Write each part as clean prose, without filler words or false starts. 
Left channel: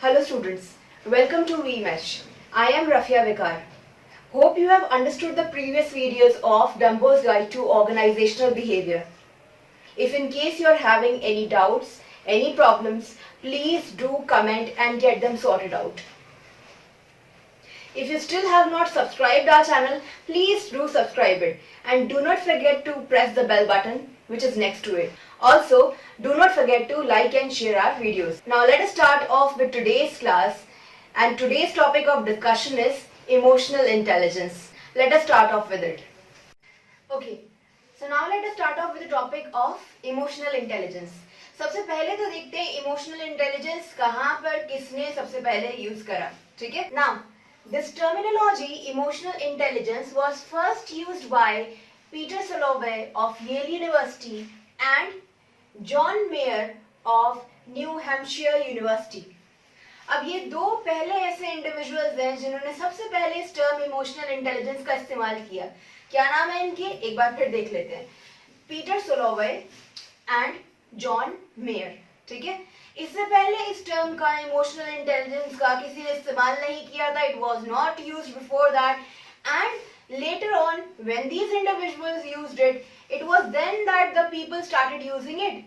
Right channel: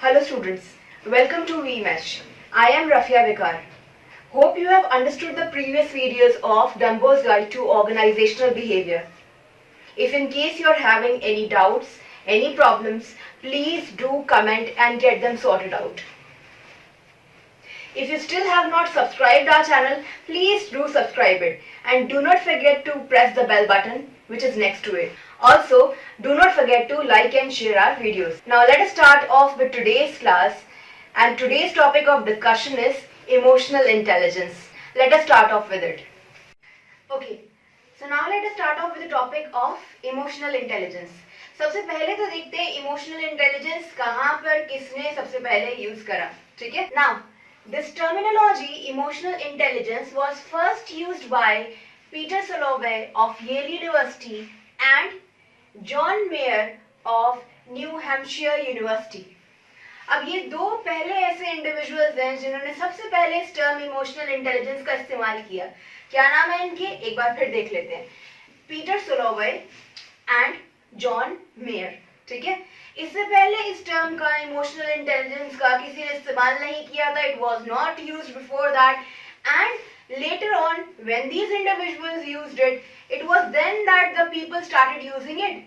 Hello students, welcome to VMesh. I am Rafia Vikar. Hope you have understood the previous videos of Dumbo's Guide to Organizational Behavior. If in case you are having any doubts, any problems, please do comment and get them sorted out. If you still have not subscribed our channel, please do subscribe it and do not forget to press the bell button which is next to it. Also, do not forget to like and share our videos. Now let us start off with today's class, and today's topic of discussion is emotional intelligence. Let us start off with it. Okay, so now let us start off with the topic of emotional intelligence. सबसे पहले तो देखते हैं emotional intelligence कहाँ पर किसने सबसे पहले यूज करा, ठीक है? Now, this terminology emotional intelligence was first used by Peter Salovey of Yale University and John mayor of new Hampshire university. अब ये दो पहले ऐसे इंडिविजुअल्स हैं जिन्होंने सबसे पहले इस टर्म इमोशनल इंटेलिजेंस का इस्तेमाल किया. क्या नाम है इनके, एक बार फिर देख लेते हैं. पीटर सोलोवे एंड जॉन मेयर, ठीक है? इससे पहले इस टर्म का इमोशनल इंटेलिजेंस का किसी ने इस्तेमाल नहीं किया था. It was not used before that, and later on when these individuals used it, it was then that the people started using it.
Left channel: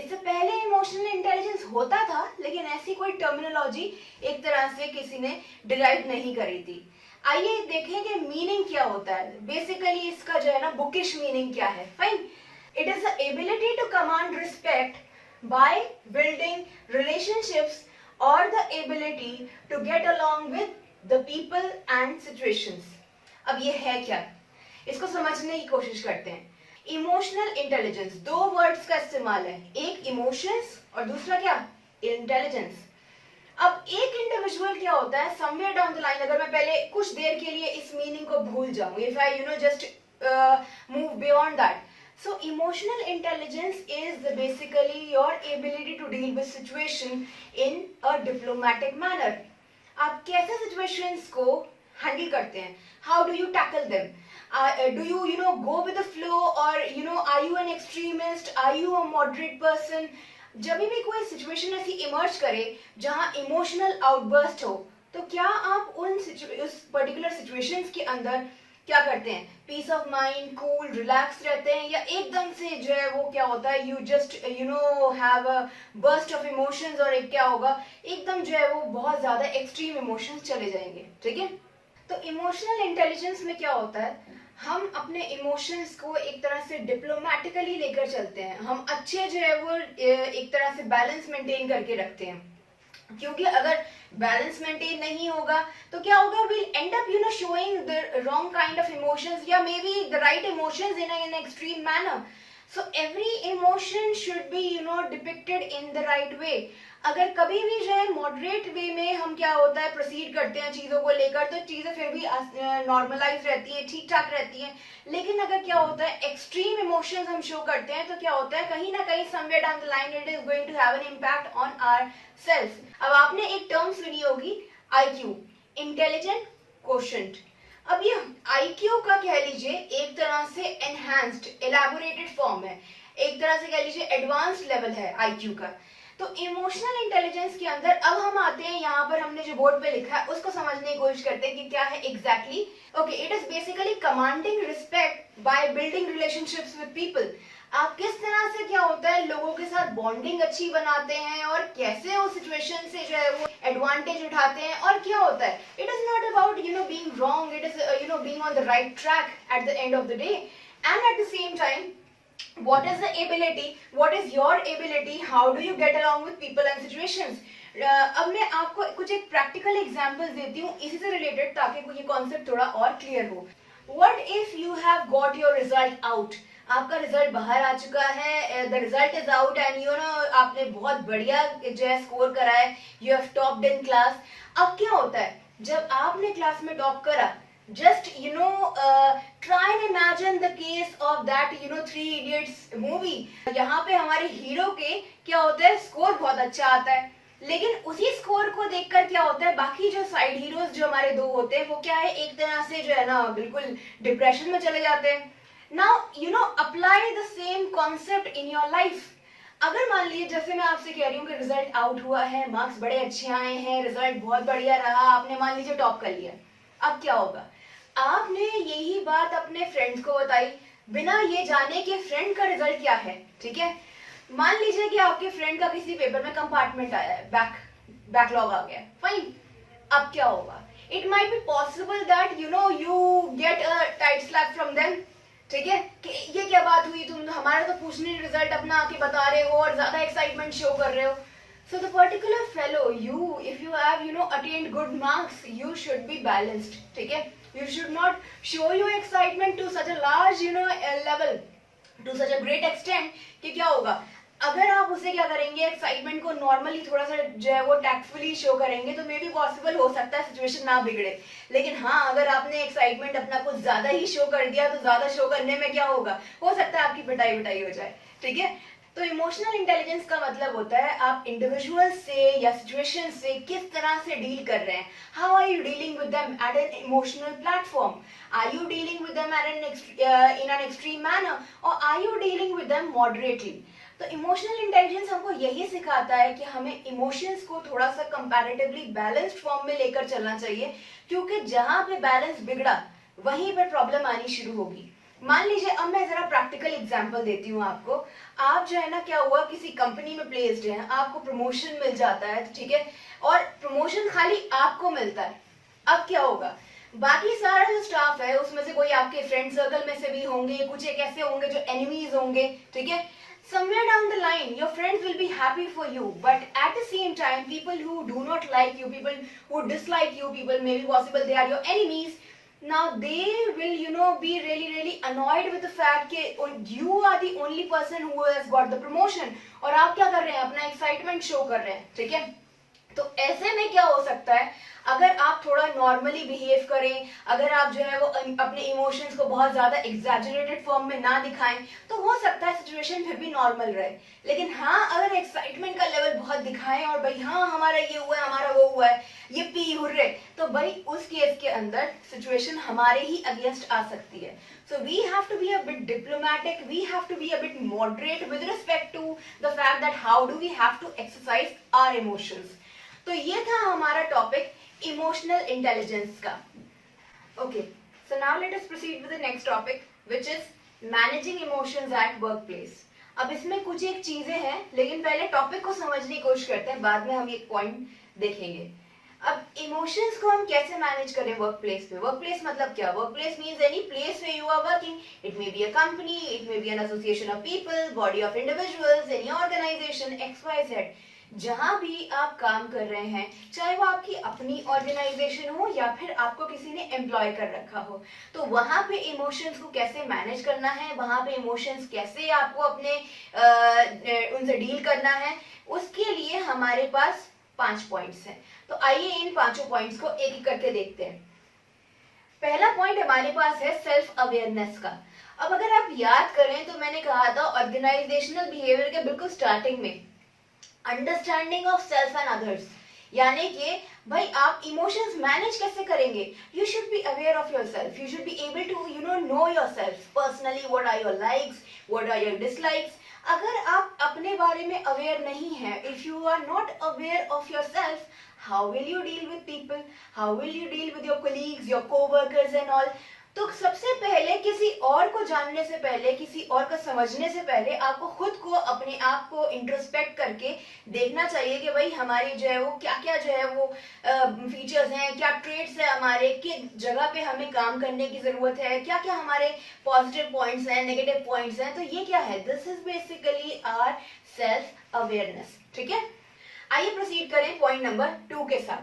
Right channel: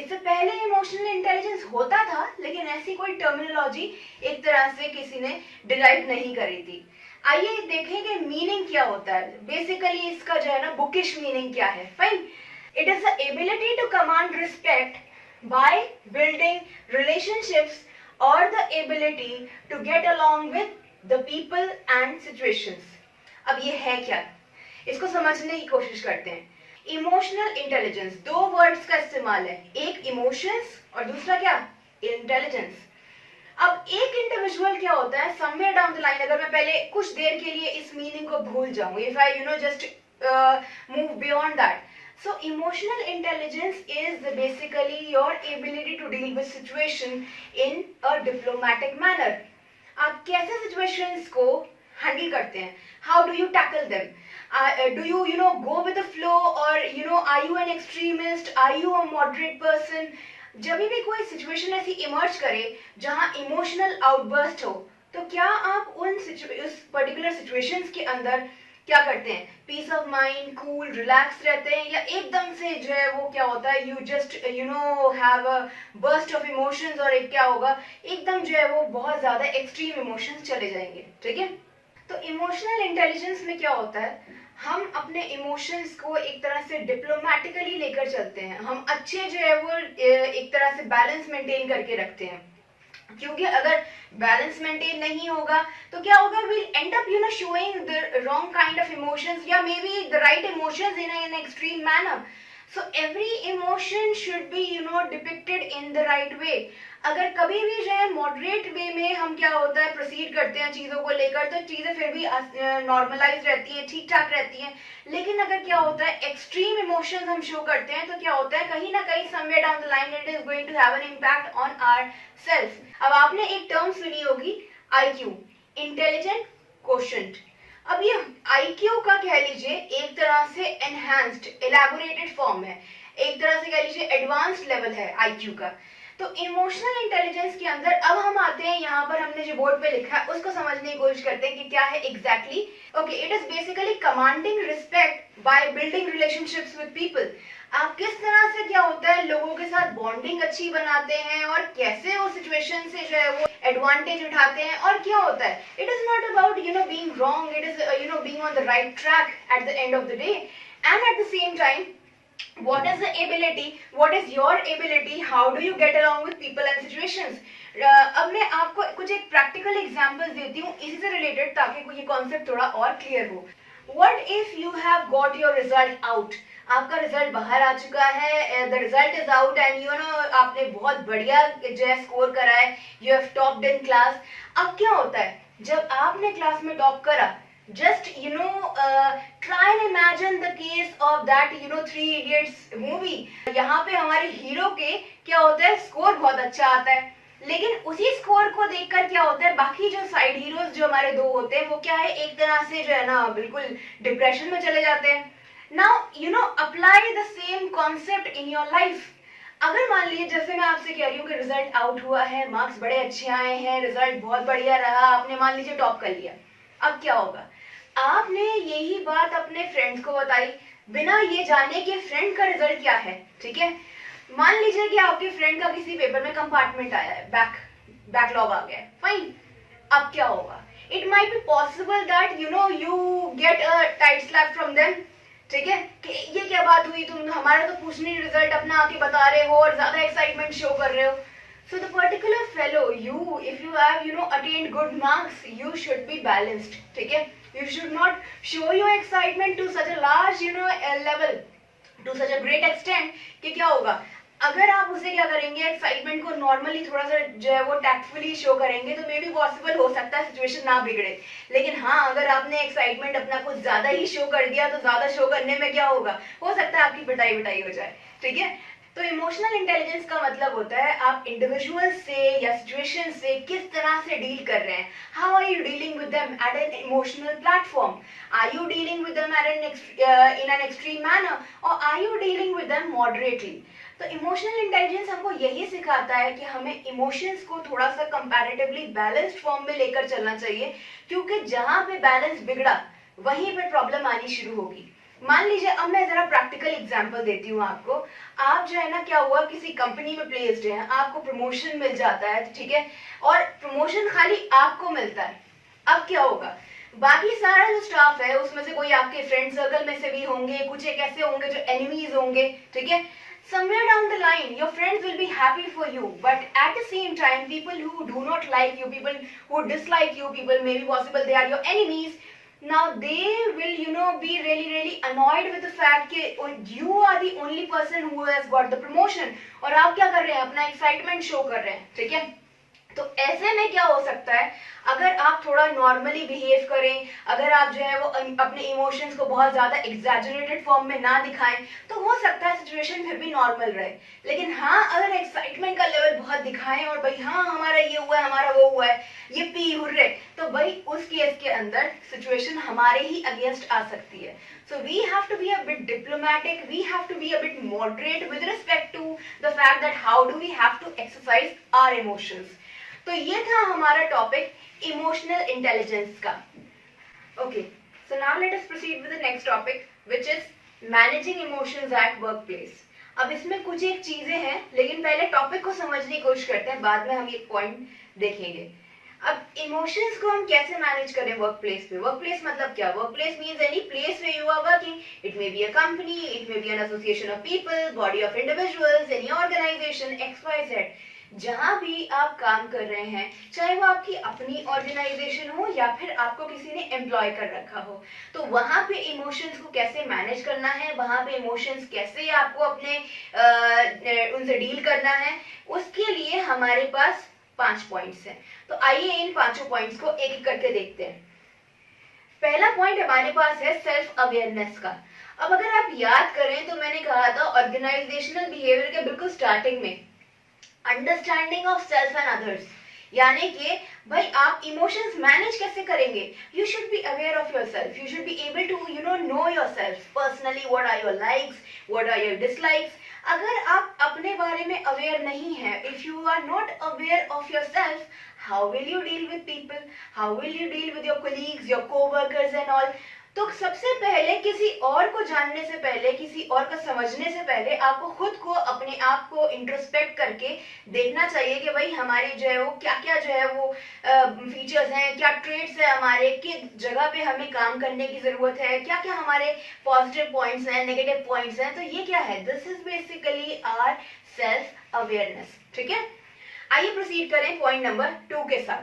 इससे पहले इमोशनल इंटेलिजेंस होता था लेकिन ऐसी कोई टर्मिनोलॉजी एक तरह से किसी ने डिराइव नहीं करी थी. आइए देखें कि मीनिंग क्या होता है. बेसिकली इसका जो है ना बुकिश मीनिंग क्या है. Fine, it is the ability to command respect by building relationships और the ability to get along with the people and situations. अब ये है क्या, इसको समझने की कोशिश करते हैं. इमोशनल इंटेलिजेंस, दो वर्ड्स का इस्तेमाल है, एक इमोशंस और दूसरा क्या, इंटेलिजेंस. अब एक इंडिविजुअल क्या होता है, समवेयर डाउन द लाइन अगर मैं पहले कुछ देर के लिए इस मीनिंग को भूल जाऊं, if I just move beyond that. So emotional intelligence is basically your ability to deal with situation in a diplomatic manner. आप कैसे सिचुएशंस को हैंडल करते हैं, how do you tackle them, do you go with the flow, or are you an extremist, are you a moderate person. जब भी कोई situation ऐसी emerge करे जहां इमोशनल आउटबर्स्ट हो, तो क्या आप उस पर्टिकुलर सिचुएशंस के अंदर क्या करते हैं, peace of mind, cool, relax रहते हैं, या एकदम से जो है वो क्या होता है, you just have a burst of emotions, और एक क्या होगा, एकदम जो है वो बहुत ज्यादा एक्सट्रीम इमोशंस चले जाएंगे, ठीक है? तो इमोशनल इंटेलिजेंस में क्या होता है, हम अपने इमोशंस को एक तरह से डिप्लोमेटिकली लेकर चलते हैं. हम अच्छे जो है वो एक तरह से बैलेंस मेंटेन करके रखते हैं, क्योंकि अगर बैलेंस मेंटेन नहीं होगा तो क्या होगा, will end up showing the wrong kind of emotions, या may be the right emotions in an extreme manner. So every emotion should be depicted in the right way. अगर कभी भी जो है मॉडरेट वे में हम क्या होता है प्रोसीड करते हैं चीज़ों को लेकर, तो चीज़ें फिर भी नॉर्मलाइज रहती हैं, ठीक ठाक रहती हैं. लेकिन अगर क्या होता है एक्सट्रीम इमोशंस हम शो करते हैं, तो क्या होता है कहीं ना कहीं somewhere down the line it is going to have an impact on our self. अब आपने एक टर्म सुनी होगी, IQ, इंटेलिजेंट क्वोशंट. अब ये IQ का कह लीजिए एक तरह से एनहांस्ड एलैबोरेटेड फॉर्म है, एक तरह से कह लीजिए एडवांस्ड लेवल है IQ का. तो इमोशनल इंटेलिजेंस के अंदर अब हम आते हैं, यहाँ पर हमने जो बोर्ड पे लिखा है उसको समझने की कोशिश करते हैं कि क्या है exactly. Okay, it is basically commanding respect by building relationships with people. आप किस तरह से क्या होता है लोगों के साथ बॉन्डिंग अच्छी बनाते हैं और कैसे वो सिचुएशन से जो है वो एडवांटेज उठाते हैं, और क्या होता है it is not about being wrong, it is being on the right track at the end of the day. And at the same time what is the ability, what is your ability, how do you get along with people and situations. अब मैं आपको कुछ एक practical examples देती हूँ इसी से related, ताकि ये कॉन्सेप्ट थोड़ा और क्लियर हो. What if you have got your result out, आपका रिजल्ट बाहर आ चुका है, the result is out and आपने बहुत बढ़िया जो है स्कोर करा है, you have topped in class. अब क्या होता है जब आपने क्लास में टॉप करा, just try and imagine the case of that Three Idiots movie. यहाँ पे हमारे हीरो के क्या होता है स्कोर बहुत अच्छा आता है, लेकिन उसी स्कोर को देखकर क्या होता है बाकी जो साइड हीरोज जो हमारे दो होते हैं वो क्या है एक तरह से जो है ना बिल्कुल डिप्रेशन में चले जाते हैं. Now apply the same concept in your life. अगर मान लीजिए जैसे मैं आपसे कह रही हूँ कि रिजल्ट आउट हुआ है, मार्क्स बड़े अच्छे आए हैं, रिजल्ट बहुत बढ़िया रहा, आपने मान लीजिए टॉप कर लिया, अब क्या होगा? आपने यही बात अपने फ्रेंड्स को बताई बिना ये जाने कि फ्रेंड का रिजल्ट क्या है, ठीक है? मान लीजिए कि आपके फ्रेंड का किसी पेपर में कंपार्टमेंट आया है, बैकलॉग आ गया है, फाइन। अब क्या होगा? It might be possible that you get a tight slap from them, ठीक है, कि ये क्या बात हुई, तुम हमारा तो पूछने रिजल्ट अपना आके बता रहे हो और ज्यादा एक्साइटमेंट शो कर रहे हो. So the particular fellow, if you have attained good marks, you should be balanced, ठीक है? You should not show your excitement to such a large level, to such a great extent कि क्या होगा? अगर आप उसे क्या करेंगे, एक्साइटमेंट को नॉर्मली थोड़ा सा जो है वो टैक्टफुली शो करेंगे तो मे बी पॉसिबल हो सकता है सिचुएशन ना बिगड़े. लेकिन हाँ, अगर आपने एक्साइटमेंट अपना कुछ ज्यादा ही शो कर दिया तो ज्यादा शो करने में क्या होगा, हो सकता है आपकी पिटाई हो जाए, ठीक है? तो इमोशनल इंटेलिजेंस का मतलब होता है आप इंडिविजुअल से या सिचुएशन से किस तरह से डील कर रहे हैं. How are you dealing with them at an emotional platform? Are you dealing with them in an extreme manner और are you dealing with them moderately? तो इमोशनल इंटेलिजेंस हमको यही सिखाता है कि हमें इमोशंस को थोड़ा सा कंपैरेटिवली बैलेंस्ड फॉर्म में लेकर चलना चाहिए, क्योंकि जहां पे बैलेंस बिगड़ा वहीं पे प्रॉब्लम आनी शुरू होगी. मान लीजिए, अब मैं जरा प्रैक्टिकल एग्जांपल देती हूँ आपको. आप जो है ना, क्या हुआ, किसी कंपनी में प्लेस्ड हैं, आपको प्रमोशन मिल जाता है, ठीक है, और प्रमोशन खाली आपको मिलता है. अब क्या होगा? बाकी सारा जो स्टाफ है उसमें से कोई आपके फ्रेंड सर्कल में से भी होंगे, कुछ एक ऐसे होंगे जो एनिमीज होंगे, ठीक है. Somewhere down the line, your friends will be happy for you, but at the same time, people who do not like you, people who dislike you, people maybe possible they are your enemies. Now they will be really annoyed with the fact that you are the only person who has got the promotion और आप क्या कर रहे हैं, अपना excitement show कर रहे हैं, ठीक है. तो ऐसे में क्या हो सकता है, अगर आप थोड़ा नॉर्मली बिहेव करें, अगर आप जो है वो अपने इमोशंस को बहुत ज्यादा एग्जैजरेटेड फॉर्म में ना दिखाएं, तो हो सकता है सिचुएशन फिर भी नॉर्मल रहे. लेकिन हाँ, अगर एक्साइटमेंट का लेवल बहुत दिखाएं और भाई हाँ हमारा ये हुआ है, हमारा वो हुआ है, ये पी हुर्रे, तो भाई उस केस के अंदर सिचुएशन हमारे ही अगेंस्ट आ सकती है. So we have to be a bit diplomatic, we have to be a bit moderate with respect to the fact that how do we have to exercise our emotions. तो ये था हमारा topic emotional intelligence का. Okay, so now let us proceed with the next topic which is managing emotions at work place. अब इसमें कुछ एक चीजें हैं, लेकिन पहले टॉपिक को समझने की कोशिश करते हैं, बाद में हम एक पॉइंट देखेंगे. अब इमोशंस को हम कैसे मैनेज करें वर्क प्लेस पे? वर्क प्लेस मतलब क्या? Work place means any place where you are working. It may be a company, it may be an association of people, body of individuals, any organization XYZ. जहां भी आप काम कर रहे हैं, चाहे वो आपकी अपनी ऑर्गेनाइजेशन हो या फिर आपको किसी ने एम्प्लॉय कर रखा हो, तो वहां पे इमोशंस को कैसे मैनेज करना है, वहां पे इमोशंस कैसे आपको अपने उनसे डील करना है, उसके लिए हमारे पास 5 पॉइंट्स हैं. तो आइए इन 5 पॉइंट्स को एक एक करके देखते हैं. पहला पॉइंट हमारे पास है सेल्फ अवेयरनेस का. अब अगर आप याद करें तो मैंने कहा था ऑर्गेनाइजेशनल बिहेवियर के बिल्कुल स्टार्टिंग में understanding of self and others, यानी कि भाई आप इमोशंस मैनेज कैसे करेंगे. You should be aware of yourself, you should be able to know yourself personally, what are your likes, what are your dislikes. अगर आप अपने बारे में अवेयर नहीं है, if you are not aware of yourself, how will you deal with people, how will you deal with your colleagues, your coworkers and all. तो सबसे पहले किसी और को जानने से पहले, किसी और को समझने से पहले आपको खुद को, अपने आप को इंट्रोस्पेक्ट करके देखना चाहिए कि भाई हमारे जो है वो क्या क्या जो है वो फीचर्स हैं, क्या ट्रेड्स है हमारे, किस जगह पे हमें काम करने की जरूरत है, क्या क्या हमारे पॉजिटिव पॉइंट्स हैं, नेगेटिव पॉइंट्स हैं. तो ये क्या है? This is basically our self awareness, ठीक है. आइए प्रोसीड करें पॉइंट नंबर 2 के साथ.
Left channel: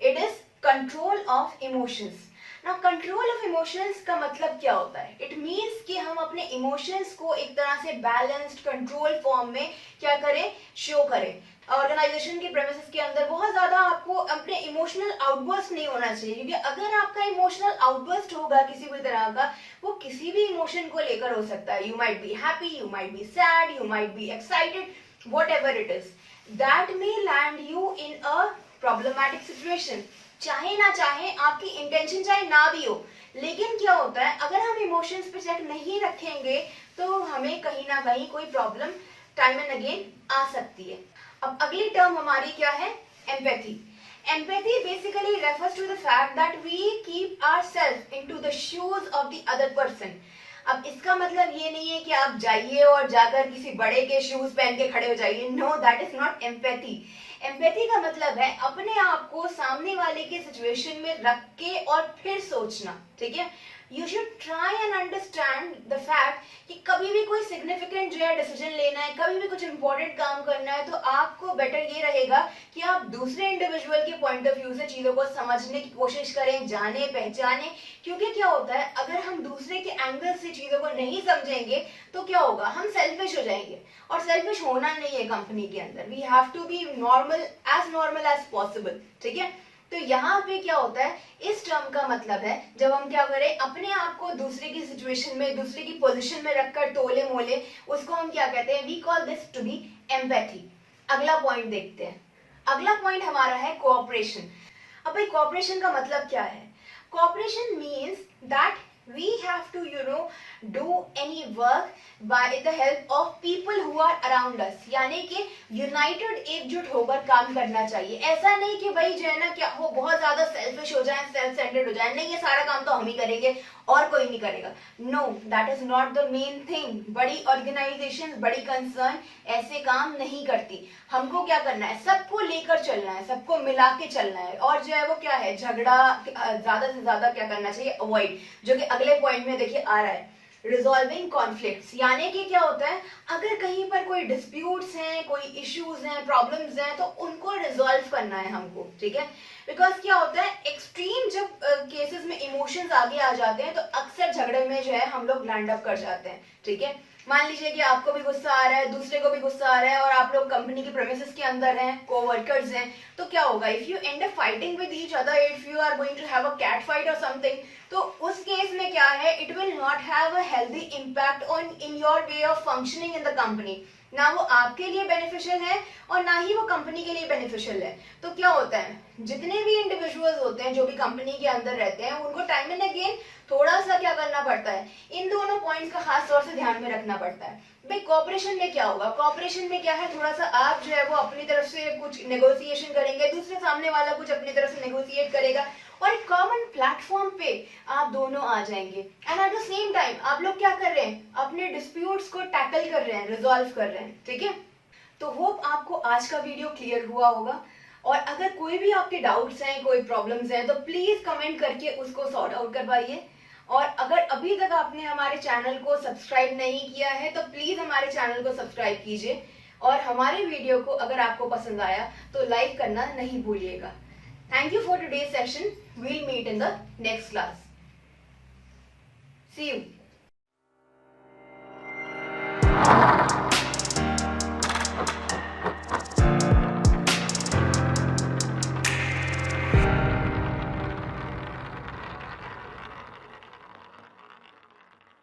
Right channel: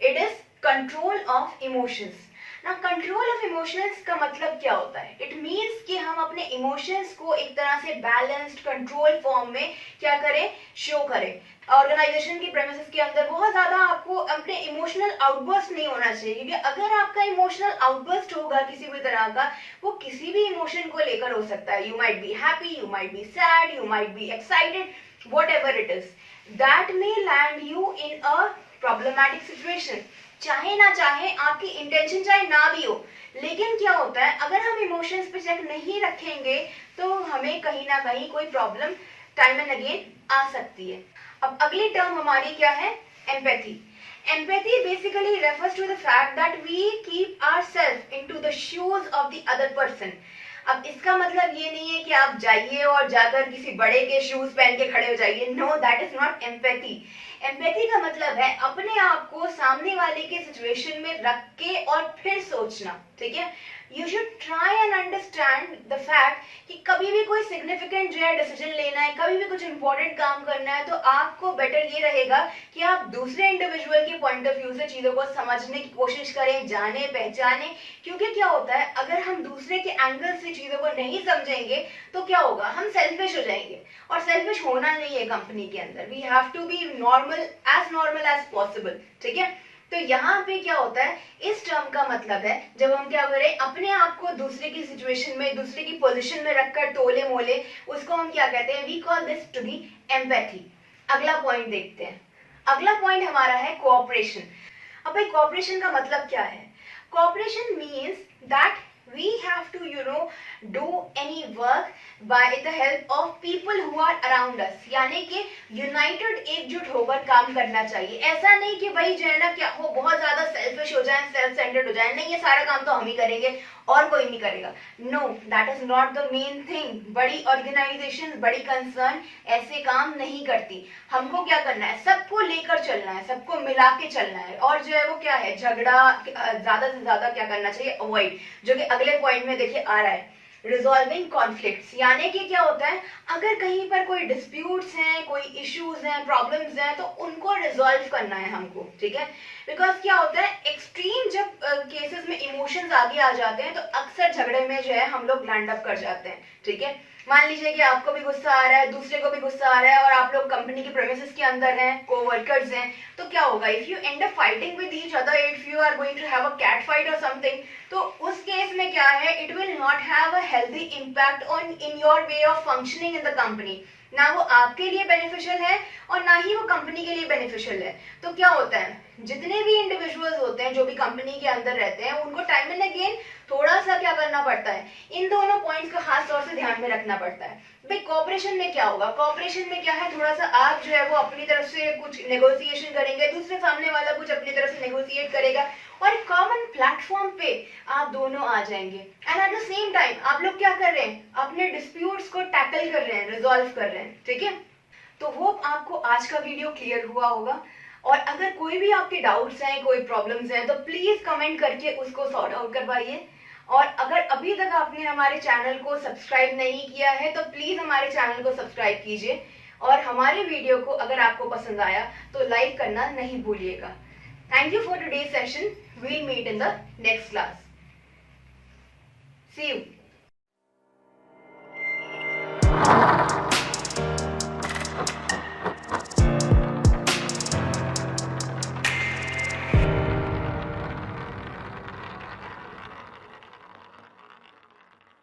It is control of emotions. ना कंट्रोल ऑफ इमोशंस का मतलब क्या होता है? इट मीन्स कि हम अपने इमोशंस को एक तरह से बैलेंस्ड कंट्रोल फॉर्म में क्या करें, शो करें. ऑर्गेनाइजेशन की प्रेमिसेस के अंदर बहुत ज्यादा आपको अपने इमोशनल आउटबर्स्ट नहीं होना चाहिए, क्योंकि अगर आपका इमोशनल आउटबर्स्ट होगा किसी भी तरह का, वो किसी भी इमोशन को लेकर हो सकता है. You might be happy, you might be sad, you might be excited, whatever it is, that may land you in a problematic situation. चाहे ना चाहे, आपकी इंटेंशन चाहे ना भी हो, लेकिन क्या होता है, अगर हम इमोशंस पे चेक नहीं रखेंगे तो हमें कहीं ना कहीं कोई प्रॉब्लम टाइम एंड अगेन आ सकती है। अब अगली टर्म हमारी क्या है? Empathy. Empathy basically refers to the fact that we keep ourselves into the shoes of the other person. अब इसका मतलब ये नहीं है कि आप जाइए और जाकर किसी बड़े के शूज पहन के खड़े हो जाइए। No, that is not empathy. Empathy का मतलब है अपने आप को सामने वाले के सिचुएशन में रख के और फिर सोचना, ठीक है। You should try and understand the fact कि कभी भी कोई सिग्निफिकेंट जो है डिसीजन लेना है, कभी भी कुछ इंपॉर्टेंट काम करना है, तो आपको बेटर ये रहेगा कि आप दूसरे इंडिविजुअल के पॉइंट ऑफ व्यू से चीजों को समझने की कोशिश करें, जाने पहचाने। क्योंकि क्या होता है, अगर हम दूसरे के एंगल से चीजों को नहीं समझेंगे तो क्या होगा, हम सेल्फिश हो जाएंगे, और सेल्फिश होना नहीं है कंपनी के अंदर। We have to be normal as possible, ठीक है। तो यहाँ पे क्या होता है, इस टर्म का मतलब है जब हम क्या करें, अपने आप को दूसरे की सिचुएशन में, दूसरे की पोजीशन में रखकर तोले मोले, उसको हम क्या कहते हैं, we call this to be empathy. अगला पॉइंट देखते हैं। अगला पॉइंट हमारा है कोऑपरेशन। अब भाई कोऑपरेशन का मतलब क्या है? Cooperation means that we have to do any work by the help of people who are around us, यानी कि यूनाइटेड एकजुट होकर काम करना चाहिए। ऐसा नहीं कि भाई जो है ना क्या हो, बहुत ज्यादा सेल्फिश हो जाए, सेल्फ सेंटर्ड हो जाए, नहीं ये सारा काम तो हम ही करेंगे और कोई नहीं करेगा। No, that is not the main thing. बड़ी ऑर्गेनाइजेशन, बड़ी कंसर्न ऐसे काम नहीं करती। हमको क्या करना है, सबको लेकर चलना है, सबको मिला के चलना है, और जो है वो क्या है, झगड़ा ज्यादा से ज्यादा क्या करना चाहिए, अवॉइड, जो कि अगले पॉइंट में देखिए आ रहा है, रिजॉल्विंग कॉन्फ्लिक्ट्स। यानी कि क्या होता है, अगर कहीं पर कोई डिस्प्यूट्स हैं, कोई इश्यूज हैं, प्रॉब्लम्स हैं, तो उनको रिजॉल्व करना है हमको, ठीक है। बिकॉज क्या होता है, एक्सट्रीम जब केसेस में इमोशंस आगे आ जाते हैं तो अक्सर झगड़े में जो है हम लोग लैंड अप कर जाते हैं, ठीक है। मान लीजिए कि आपको भी गुस्सा आ रहा है, दूसरे को भी गुस्सा आ रहा है, और आप लोग कंपनी की प्रेमिसेस के अंदर हैं, कोवर्कर्स हैं, तो क्या होगा, if you end up fighting with each other, if you are going to have a cat fight और समथिंग, तो उस केस में क्या है, it will not have a healthy impact on in your way of functioning in the company. ना वो आपके लिए बेनिफिशियल है और ना ही वो कंपनी के लिए बेनिफिशियल है। तो क्या होता है, जितने भी इंडिविजुअल्स होते हैं जो भी कंपनी के अंदर रहते हैं, उनको टाइम एंड अगेन थोड़ा सा क्या करना पड़ता है, इन दोनों पॉइंट्स का खास तौर से ध्यान में रखना पड़ता है। भाई कोऑपरेशन में क्या होगा, कोऑपरेशन में क्या है, थोड़ा सा आप जो है वो अपनी तरफ से कुछ नेगोशिएशन करेंगे, दूसरे सामने वाला कुछ अपनी तरफ से नेगोशिएट करेगा, और एक कॉमन प्लेटफॉर्म पे आप दोनों आ जाएंगे। And at the same time आप लोग क्या कर रहे हैं, अपने डिस्प्यूट्स को टैकल कर रहे हैं, रिजॉल्व कर रहे हैं, ठीक है। तो होप आपको आज का वीडियो क्लियर हुआ होगा, और अगर कोई भी आपके डाउट्स हैं, कोई प्रॉब्लम्स हैं, तो प्लीज कमेंट करके उसको सॉर्ट आउट करवाइए। और अगर अभी तक आपने हमारे चैनल को सब्सक्राइब नहीं किया है तो प्लीज हमारे चैनल को सब्सक्राइब कीजिए, और हमारे वीडियो को अगर आपको पसंद आया तो लाइक करना नहीं भूलिएगा। Thank you for today's session. We'll meet in the next class. See you.